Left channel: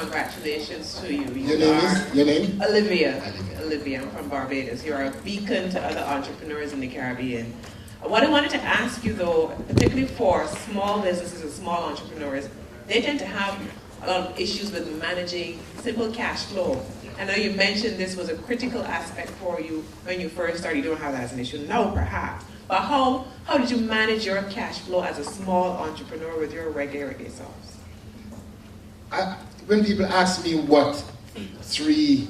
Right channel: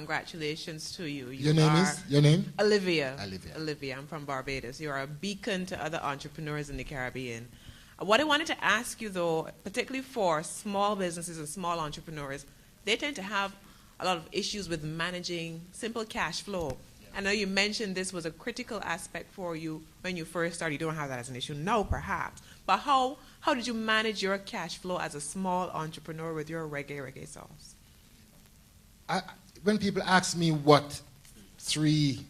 congratulations to you. Your name? Olivia. Olivia, I'm from Barbados. You're a beacon to other entrepreneurs in the Caribbean. What I wanted to ask you though, particularly for small businesses and small entrepreneurs, they tend to have a lot of issues with managing simple cash flow. I know you mentioned this was a critical aspect for you when you first started. You don't have that as an issue now, perhaps. But how did you manage your cash flow as a small entrepreneur with your regular ESOPs? When people ask me what 3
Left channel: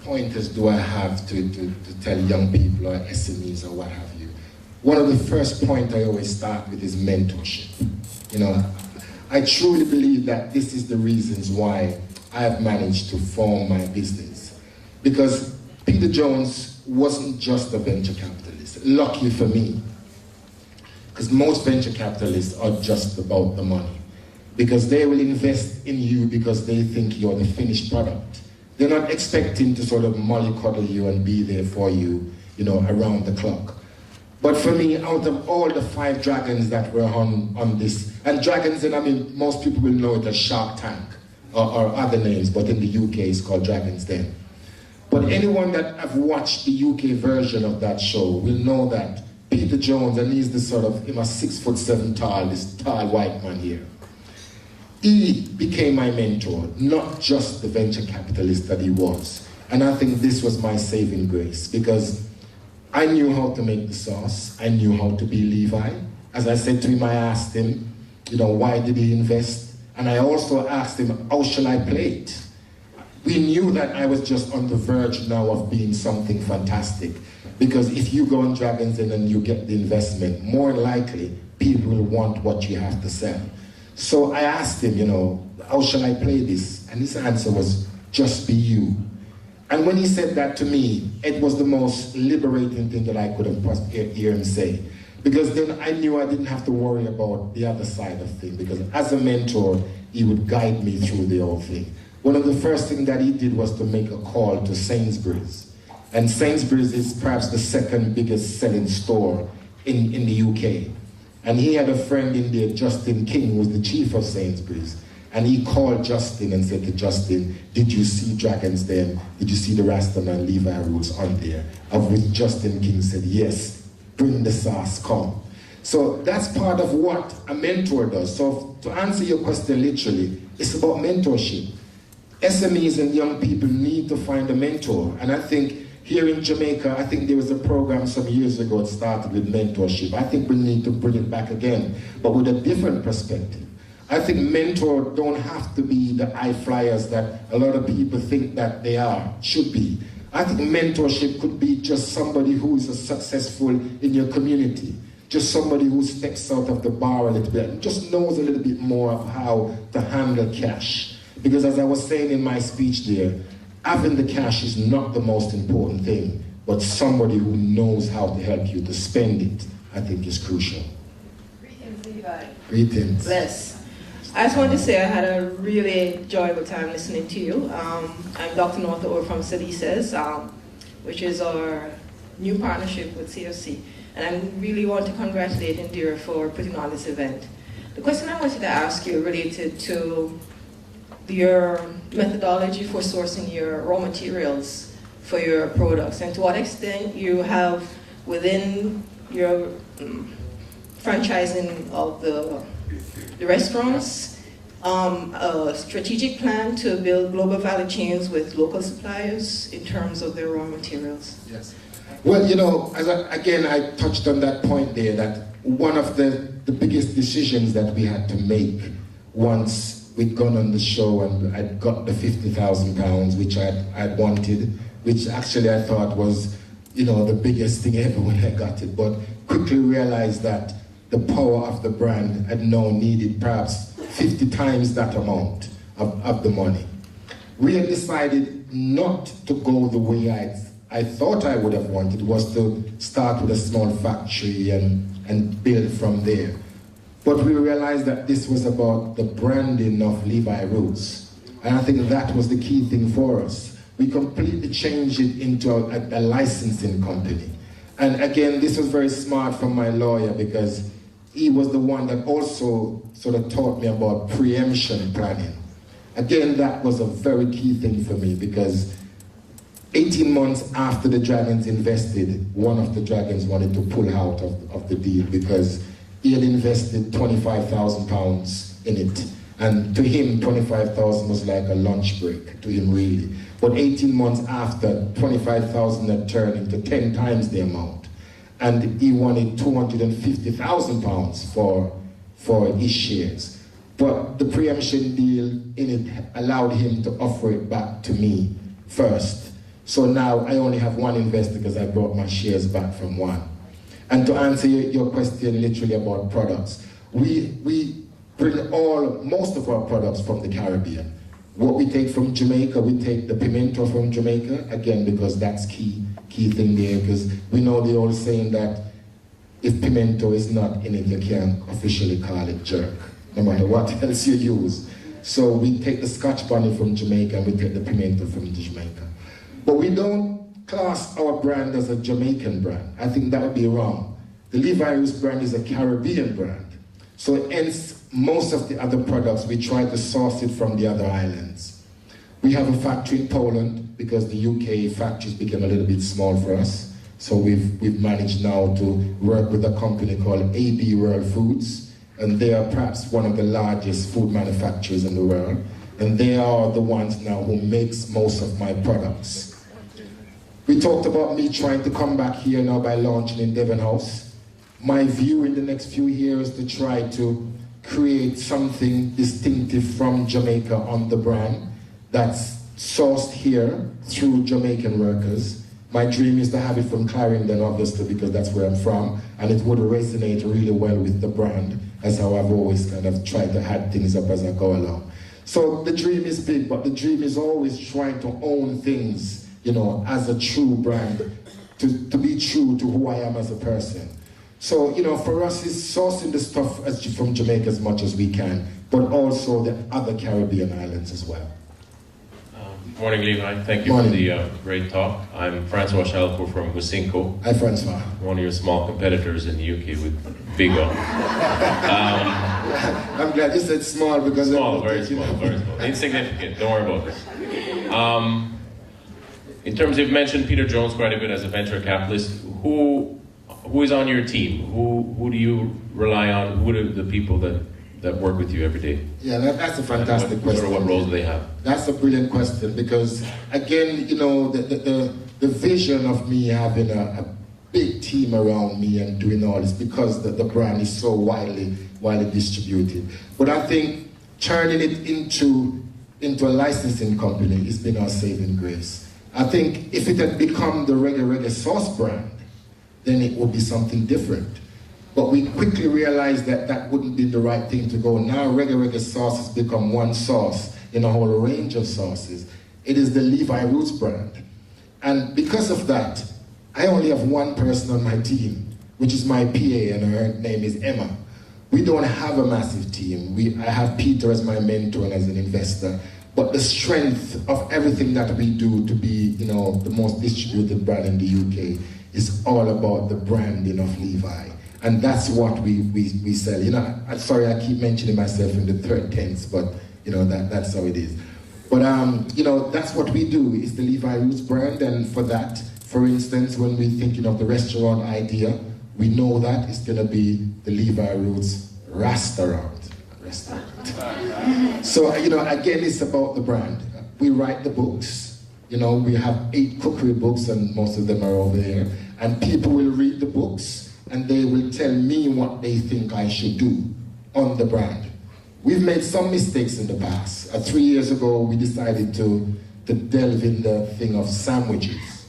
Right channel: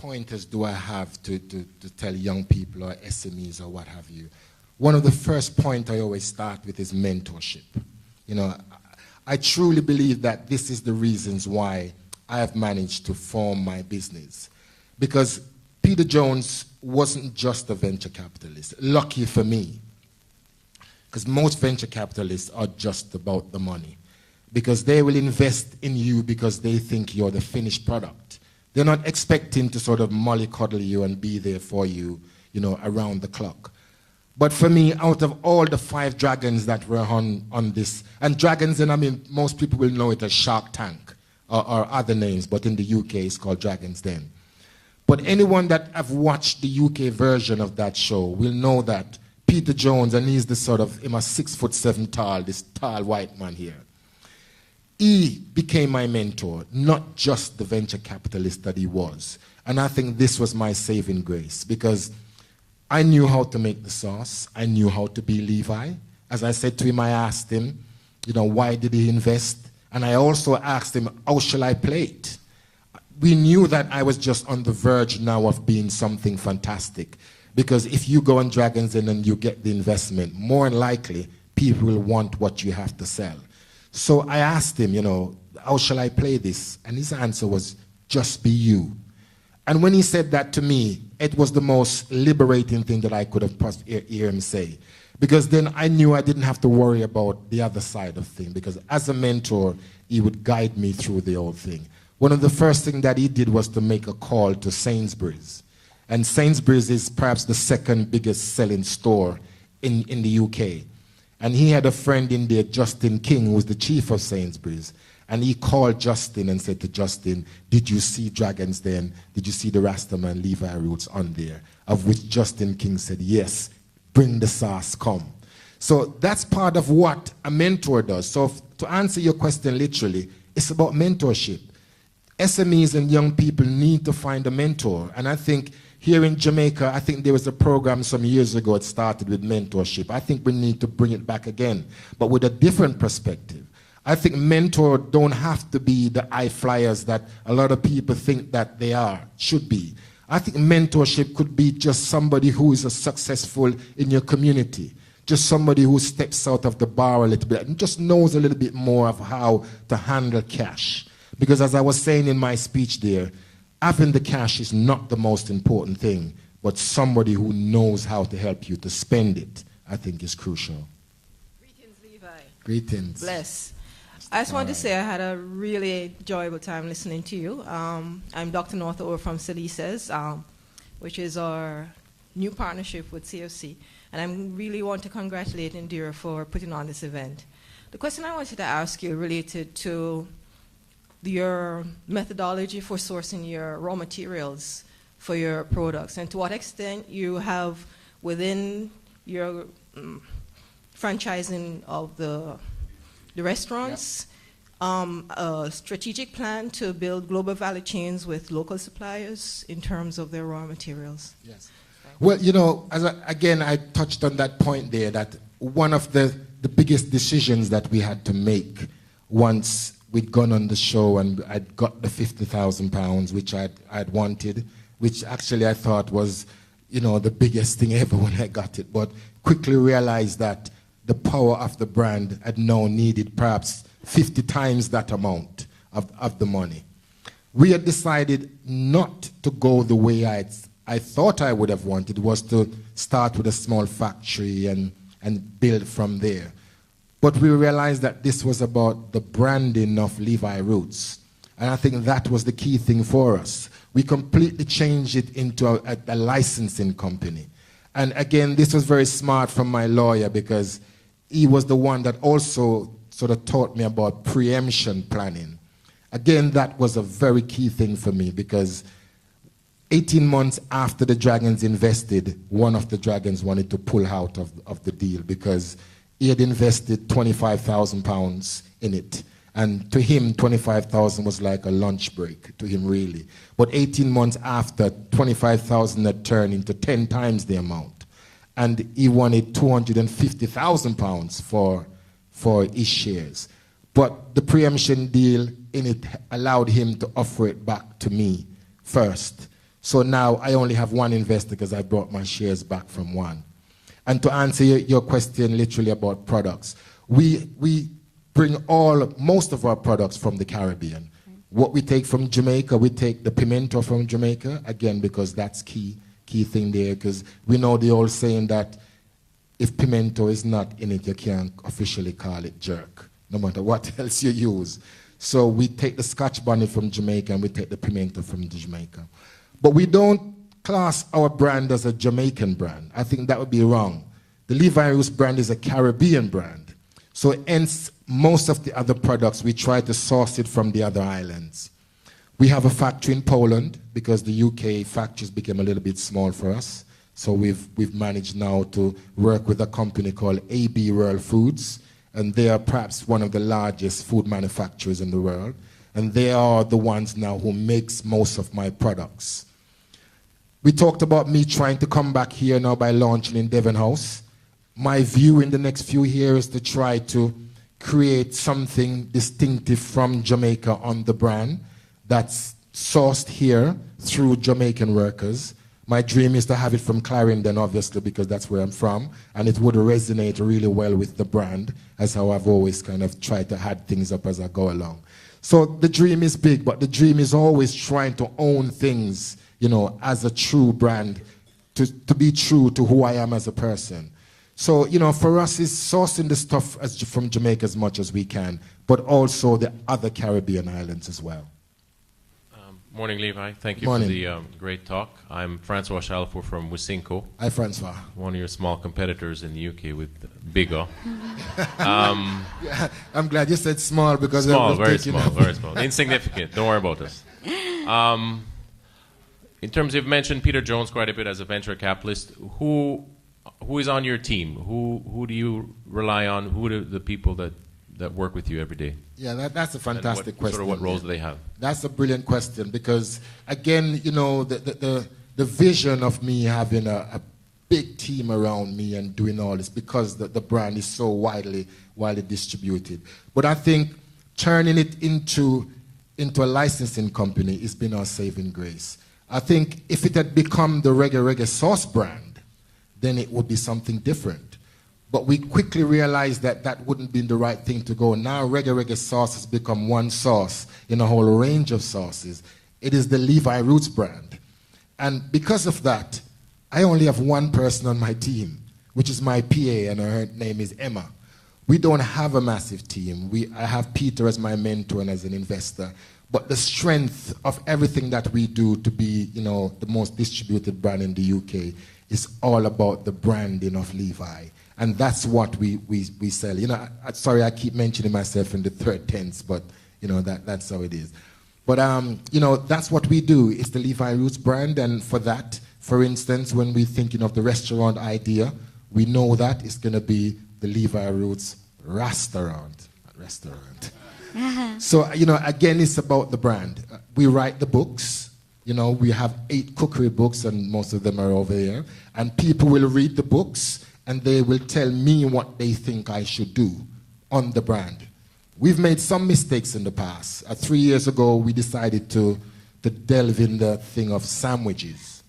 pointers do I have to tell young people or SMEs or what have you, one of the first points I always start with is mentorship. You know, I truly believe that this is the reasons why I've managed to form my business. Because Peter Jones wasn't just a venture capitalist. Lucky for me. Because most venture capitalists are just about the money. Because they will invest in you because they think you're the finished product. They're not expecting to sort of mollycoddle you and be there for you, you know, around the clock. But for me, out of all the 5 dragons that were on this, and dragons, and I mean, most people will know it as Shark Tank or other names, but in the UK it's called Dragons Den. But anyone that have watched the UK version of that show will know that Peter Jones, and he's the sort of, him a 6'7" tall, this tall white man here. He became my mentor, not just the venture capitalist that he was. And I think this was my saving grace, because I knew how to make the sauce. I knew how to be Levi. As I said to him, I asked him, you know, why did he invest? And I also asked him, how shall I play it? We knew that I was just on the verge now of being something fantastic. Because if you go on Dragons Den and you get the investment, more likely people will want what you have to sell. So I asked him, you know, how shall I play this? And his answer was, just be you. And when he said that to me, it was the most liberating thing that I could have hear him say. Because then I knew I didn't have to worry about the other side of things. Because as a mentor, he would guide me through the whole thing. One of the first things that he did was to make a call to Sainsbury's. And Sainsbury's is perhaps the 2nd biggest selling store in the UK. And he had a friend in there, Justin King, who was the chief of Sainsbury's. And he called Justin and said to Justin, did you see Dragons Den? Did you see the Rastaman Levi roots on there? Of which Justin King said, yes, bring the sauce, come. So that's part of what a mentor does. So to answer your question literally, it's about mentorship. SMEs and young people need to find a mentor. And I think here in Jamaica, I think there was a program some years ago, it started with mentorship. I think we need to bring it back again, but with a different perspective. I think mentor don't have to be the high flyers that a lot of people think that they should be. I think mentorship could be just somebody who is successful in your community. Just somebody who steps out of the bar a little bit and just knows a little bit more of how to handle cash. Because as I was saying in my speech there, having the cash is not the most important thing, but somebody who knows how to help you to spend it, I think is crucial. Greetings, Levi. Greetings. Bless. I just wanted to say I had a really enjoyable time listening to you. I'm Dr. Northover from CCfC's, which is our new partnership with CCfC. And I really want to congratulate Indira for putting on this event. The question I wanted to ask you related to your methodology for sourcing your raw materials for your products, and to what extent you have within your franchising of the restaurants a strategic plan to build global value chains with local suppliers in terms of their raw materials. Yes. Well, you know, again, I touched on that point there, that one of the biggest decisions that we had to make once we'd gone on the show and I'd got the £50,000, which I wanted, which actually I thought was, you know, the biggest thing ever when I got it, but quickly realized that the power of the brand had now needed perhaps 50 times that amount of the money. We had decided not to go the way I thought I would have wanted, was to start with a small factory and build from there. But we realized that this was about the branding of Levi Roots. And I think that was the key thing for us. We completely changed it into a licensing company. And again, this was very smart from my lawyer, because he was the one that also sort of taught me about preemption planning. Again, that was a very key thing for me because 18 months after the Dragons invested, one of the Dragons wanted to pull out of the deal because he had invested £25,000 in it. And to him, 25,000 was like a lunch break to him, really. But 18 months after, 25,000 had turned into 10 times the amount. And he wanted £250,000 for his shares. But the preemption deal in it allowed him to offer it back to me first. So now I only have one investor because I brought my shares back from one. And to answer your question literally about products, we bring most of our products from the Caribbean. What we take from Jamaica, we take the pimento from Jamaica, again, because that's key thing there, because we know the old saying that if pimento is not in it, you can't officially call it jerk, no matter what else you use. So we take the Scotch bonnet from Jamaica and we take the pimento from Jamaica. But we don't class our brand as a Jamaican brand. I think that would be wrong. The Levi Roots brand is a Caribbean brand. So hence, most of the other products, we try to source it from the other islands. We have a factory in Poland because the UK factories became a little bit small for us. So we've managed now to work with a company called AB World Foods, and they are perhaps one of the largest food manufacturers in the world. And they are the ones now who makes most of my products. We talked about me trying to come back here now by launching in Devon House. My view in the next few years to try to create something distinctive from Jamaica on the brand that's sourced here through Jamaican workers. My dream is to have it from Clarendon, obviously, because that's where I'm from, and it would resonate really well with the brand, as how I've always kind of tried to add things up as I go along. So the dream is big, but the dream is always trying to own things, you know, as a true brand, to be true to who I am as a person. So, you know, for us, it's sourcing the stuff from Jamaica as much as we can, but also the other Caribbean islands as well. Good morning, Levi. Thank you for the great talk. I'm Francois Chalco from Musinko. Hi, Francois. One of your small competitors in the UK with Big O. I'm glad you said small because... Small, very small. Insignificant. Don't worry about this. In terms of, you mentioned Peter Jones quite a bit as a venture capitalist. Who is on your team? Who do you rely on? Who are the people that work with you every day? Yeah, that's a fantastic question. What roles they have? That's a brilliant question because, again, you know, the vision of me having a big team around me and doing all this because the brand is so widely distributed. But I think turning it into a licensing company has been our saving grace. I think if it had become the reggae sauce brand, then it would be something different. But we quickly realized that that wouldn't be the right thing to go. Now reggae sauce has become one sauce in a whole range of sauces. It is the Levi Roots brand. And because of that, I only have one person on my team, which is my PA, and her name is Emma. We don't have a massive team. I have Peter as my mentor and as an investor. But the strength of everything that we do to be, you know, the most distributed brand in the UK is all about the branding of Levi. And that's what we sell. You know, I'm sorry I keep mentioning myself in the third tense, but you know, that's how it is. But you know, that's what we do. It's the Levi Roots brand, and for that, for instance, when we're thinking of the restaurant idea, we know that it's gonna be the Levi Roots restaurant. So, you know, again, it's about the brand. We write the books. You know, we have 8 cookery books, and most of them are over there. And people will read the books, and they will tell me what they think I should do on the brand. We've made some mistakes in the past. 3 years ago, we decided to delve in the thing of sandwiches.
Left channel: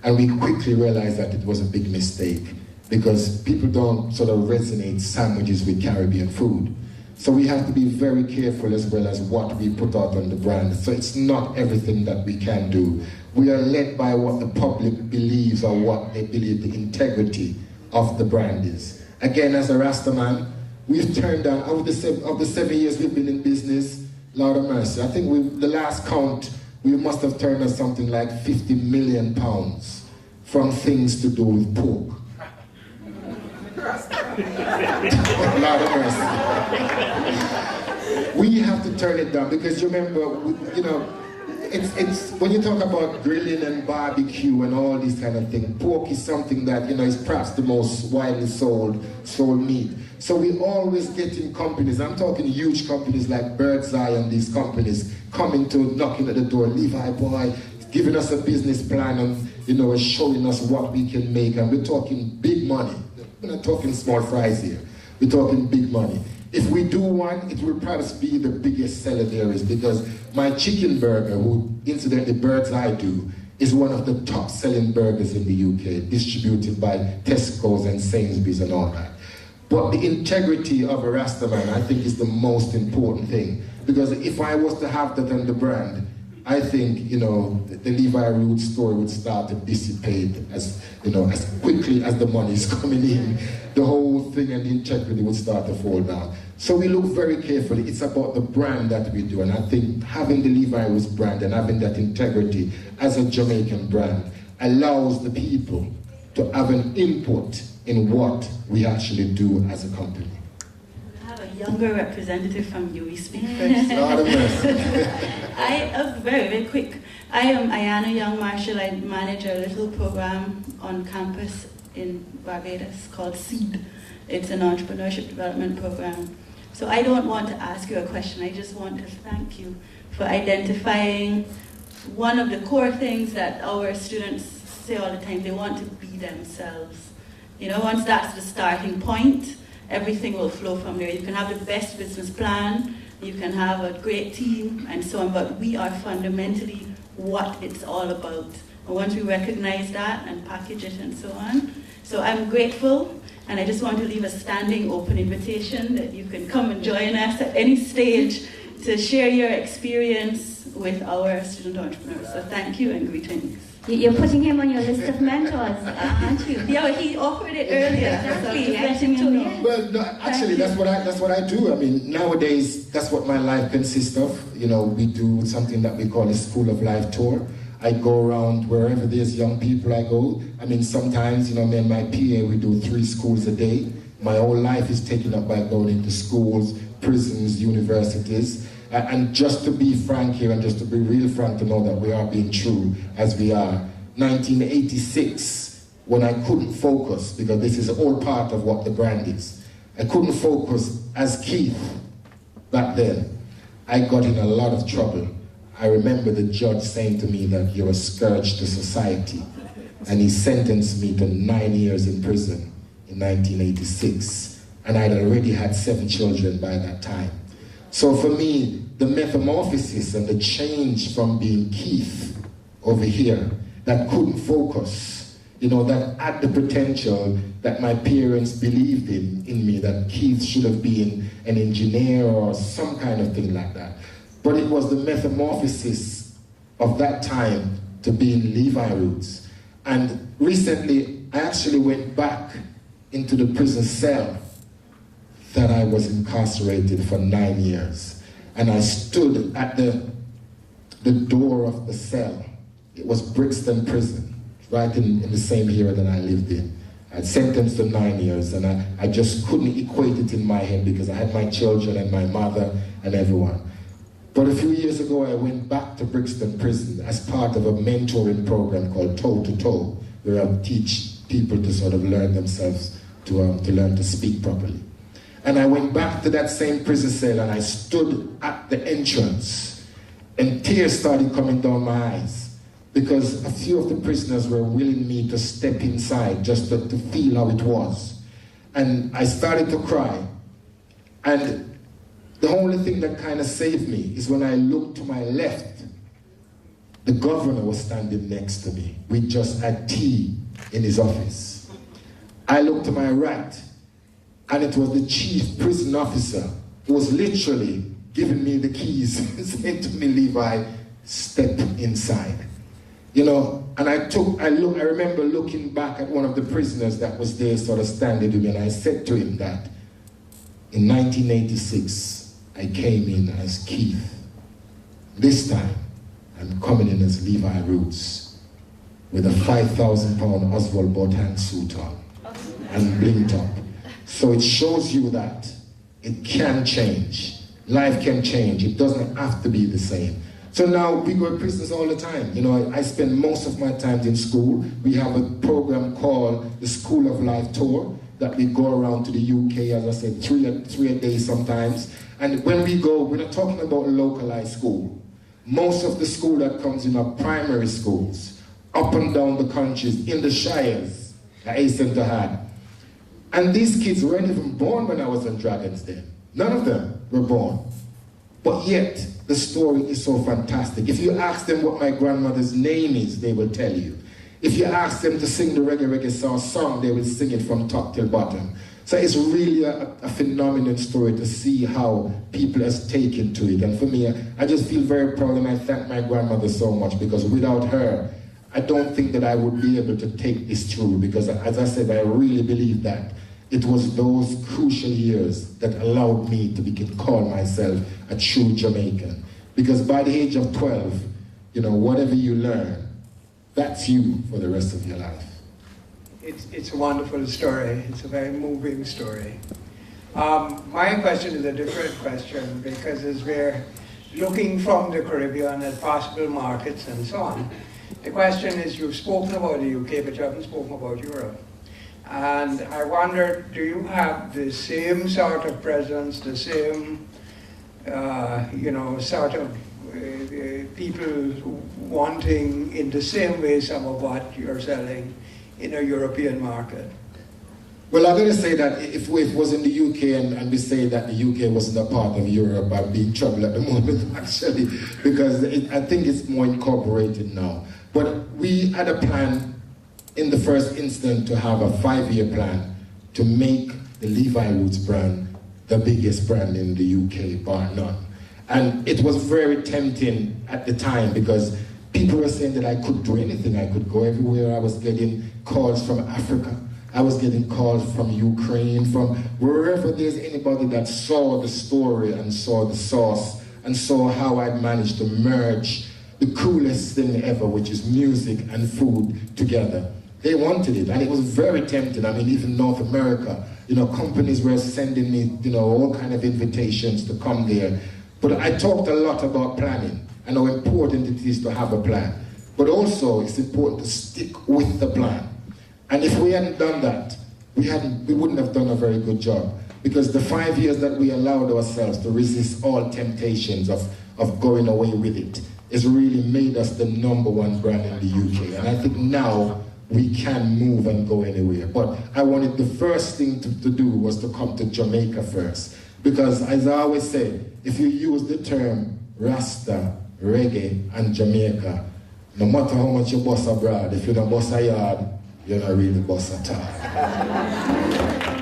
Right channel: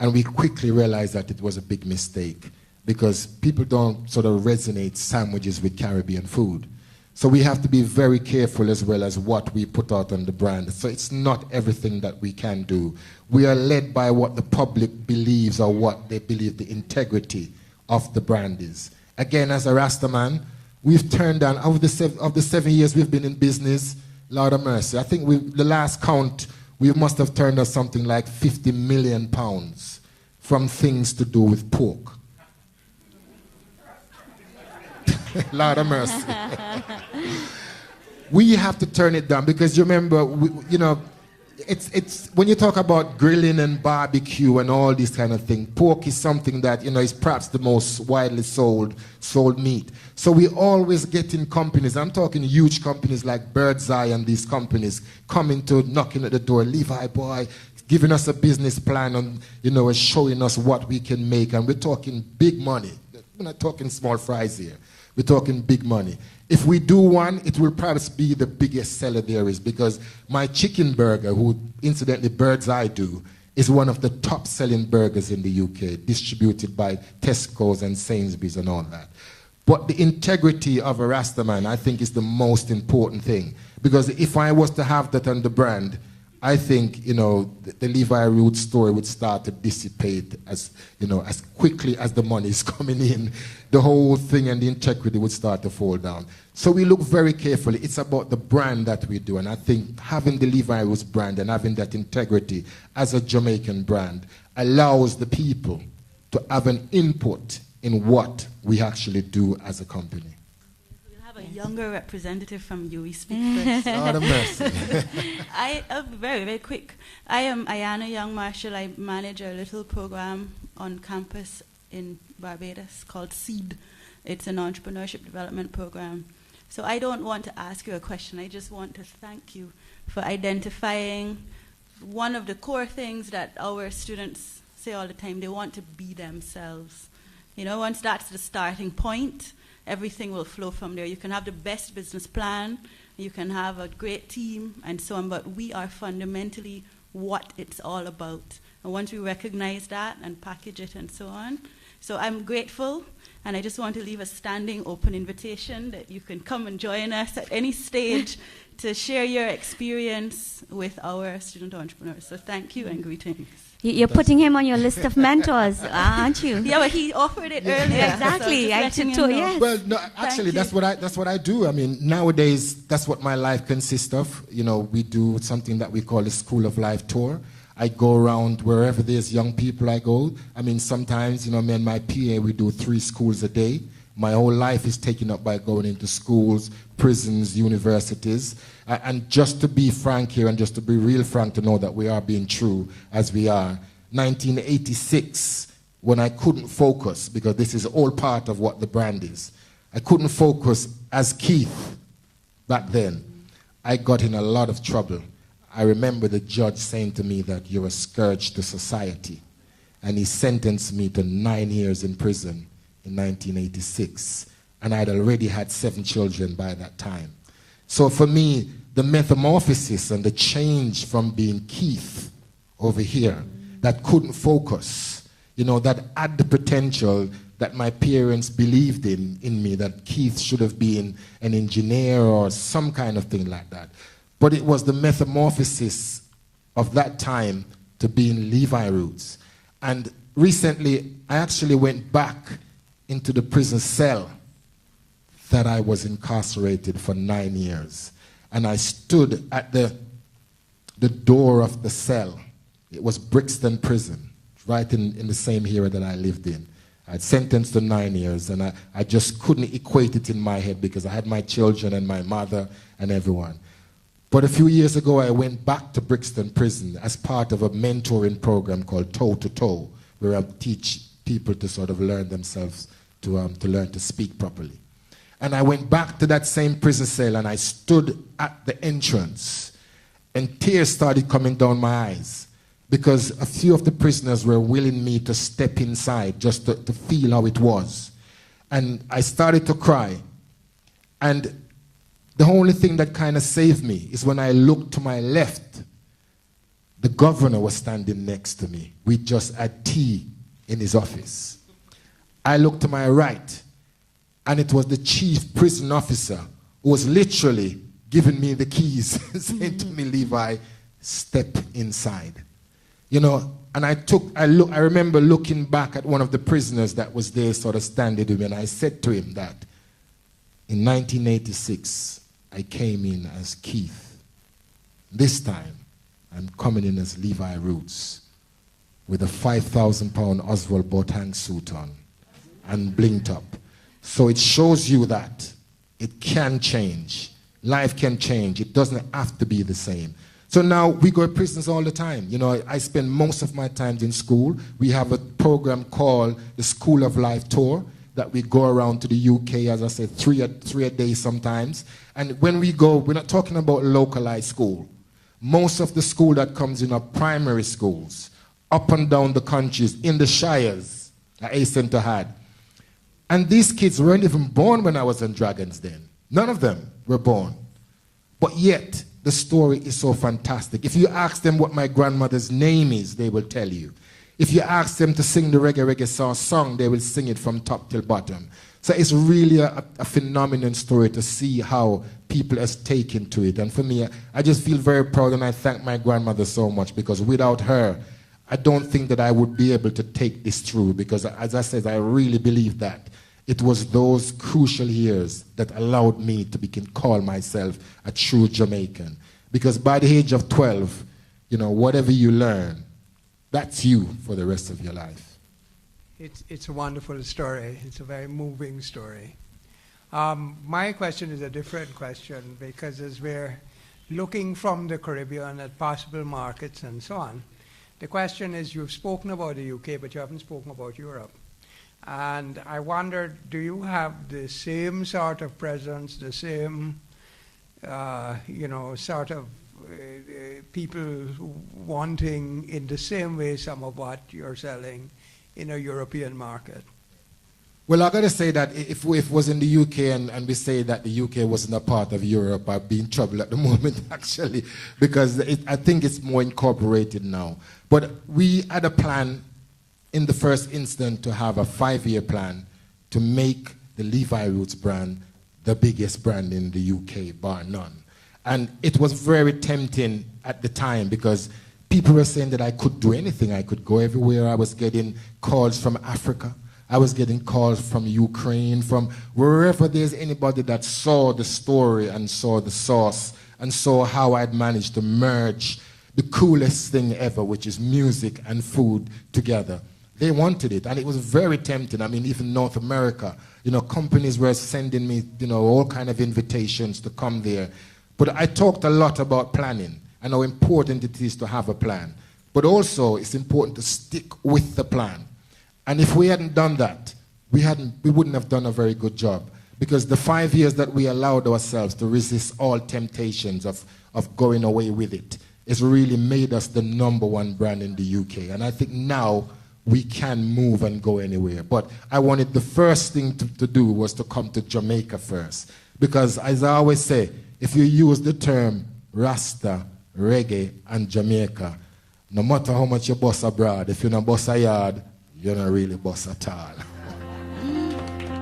And we quickly realized that it was a big mistake because people don't sort of resonate sandwiches with Caribbean food. So we have to be very careful as well as what we put out on the brand. So it's not everything that we can do. We are led by what the public believes or what they believe the integrity of the brand is. Again, as a Rasta man, we've turned down, of the 7 years we've been in business, Lord of mercy, I think the last count, we must have turned down something like £50 million from things to do with pork. Lord of mercy. We have to turn it down because you remember, it's when you talk about grilling and barbecue and all this kind of thing, pork is something that, is perhaps the most widely sold meat. So we always get in companies, I'm talking huge companies like Bird's Eye and these companies coming to knocking at the door, Levi boy, giving us a business plan and, showing us what we can make. And we're talking big money. We're not talking small fries here. We're talking big money. If we do one, it will perhaps be the biggest seller there is, because my chicken burger, who incidentally Bird's Eye do, is one of the top selling burgers in the UK, distributed by Tesco's and Sainsbury's and all that. But the integrity of a Rastaman, I think, is the most important thing. Because if I was to have that on the brand, I think, the Levi Roots story would start to dissipate as quickly as the money is coming in. The whole thing and the integrity would start to fall down. So we look very carefully. It's about the brand that we do. And I think having the Levi Roots brand and having that integrity as a Jamaican brand allows the people to have an input in what we actually do as a company. We have a younger representative from you. We speak first. Very, very quick. I am Ayana Young Marshall. I manage a little program on campus in Barbados called SEED. It's an entrepreneurship development program. So I don't want to ask you a question. I just want to thank you for identifying one of the core things that our students say all the time. They want to be themselves. Once that's the starting point, everything will flow from there. You can have the best business plan, you can have a great team, and so on, but we are fundamentally what it's all about. And once we recognize that and package it and so on. So I'm grateful, and I just want to leave a standing open invitation that you can come and join us at any stage to share your experience with our student entrepreneurs. So thank you and greetings. You're putting him on your list of mentors, aren't you? Yeah, but he offered it earlier. Exactly, so I should too, yes. Well, no, actually, that's what I do. I mean, nowadays, that's what my life consists of. We do something that we call a School of Life tour. I go around wherever there's young people, I go. I mean, sometimes, me and my PA, we do 3 schools a day. My whole life is taken up by going into schools, prisons, universities. And just to be frank here, and just to be real frank to know that we are being true as we are, 1986, when I couldn't focus, because this is all part of what the brand is, I couldn't focus as Keith back then. I got in a lot of trouble. I remember the judge saying to me that you're a scourge to society, and he sentenced me to 9 years in prison in 1986, and I had already had 7 children by that time. So for me, the metamorphosis and the change from being Keith over here that couldn't focus, that had the potential that my parents believed in me, that Keith should have been an engineer or some kind of thing like that. But it was the metamorphosis of that time to being Levi Roots. And recently, I actually went back into the prison cell that I was incarcerated for 9 years. And I stood at the door of the cell. It was Brixton Prison, right in the same area that I lived in. I sentenced to 9 years, and I just couldn't equate it in my head because I had my children and my mother and everyone. But a few years ago, I went back to Brixton Prison as part of a mentoring program called Toe to Toe, where I teach people to sort of learn themselves, to learn to speak properly. And I went back to that same prison cell and I stood at the entrance and tears started coming down my eyes because a few of the prisoners were willing me to step inside just to feel how it was. And I started to cry. And the only thing that kind of saved me is when I looked to my left, the governor was standing next to me. We just had tea in his office. I looked to my right, and it was the chief prison officer who was literally giving me the keys, saying to me, Levi, step inside. And I remember looking back at one of the prisoners that was there sort of standing with me, and I said to him that in 1986, I came in as Keith. This time, I'm coming in as Levi Roots with a 5,000 pound Oswald Botan suit on and bling top. So it shows you that it can change. life can change. It doesn't have to be the same. So now we go to prisons all the time. You know, I spend most of my time in school. We have a program called the School of Life Tour that we go around to the UK, as I said, three a day sometimes. And when we go, we're not talking about localized school. Most of the school that comes in are primary schools, up and down the countries, in the shires, I hasten to add. And these kids weren't even born when I was in Dragons Den. None of them were born. But yet, the story is so fantastic. If you ask them what my grandmother's name is, they will tell you. If you ask them to sing the reggae song, they will sing it from top till bottom. So it's really a phenomenal story to see how people have taken to it. And for me, I just feel very proud, and I thank my grandmother so much, because without her, I don't think that I would be able to take this through, because as I said, I really believe that it was those crucial years that allowed me to call myself a true Jamaican. Because by the age of 12, you know, whatever you learn, that's you for the rest of your life. It's a wonderful story. It's a very moving story. My question is a different question, because as we're looking from the Caribbean at possible markets and so on, the question is, you've spoken about the UK, but you haven't spoken about Europe. And I wonder, do you have the same sort of presence, the same, sort of people wanting in the same way some of what you're selling in a European market? Well, I'm going to say that if it was in the UK and we say that the UK wasn't a part of Europe, I'd be in trouble at the moment, actually, because I think it's more incorporated now. But we had a plan in the first instance to have a 5-year plan to make the Levi Roots brand the biggest brand in the UK, bar none. And it was very tempting at the time, because people were saying that I could do anything. I could go everywhere. I was getting calls from Africa. I was getting calls from Ukraine, from wherever there's anybody that saw the story and saw the sauce and saw how I'd managed to merge the coolest thing ever, which is music and food together. They wanted it, and it was very tempting. I mean, even North America, you know, companies were sending me, you know, all kind of invitations to come there. But I talked a lot about planning and how important it is to have a plan. But also, it's important to stick with the plan. And if we hadn't done that, we wouldn't have done a very good job. Because the 5 years that we allowed ourselves to resist all temptations of going away with it has really made us the #1 brand in the UK. And I think now we can move and go anywhere. But I wanted the first thing to do was to come to Jamaica first. Because as I always say, if you use the term Rasta, reggae, and Jamaica, no matter how much you bust abroad, if you're not bust a yard, you're not really bust at all.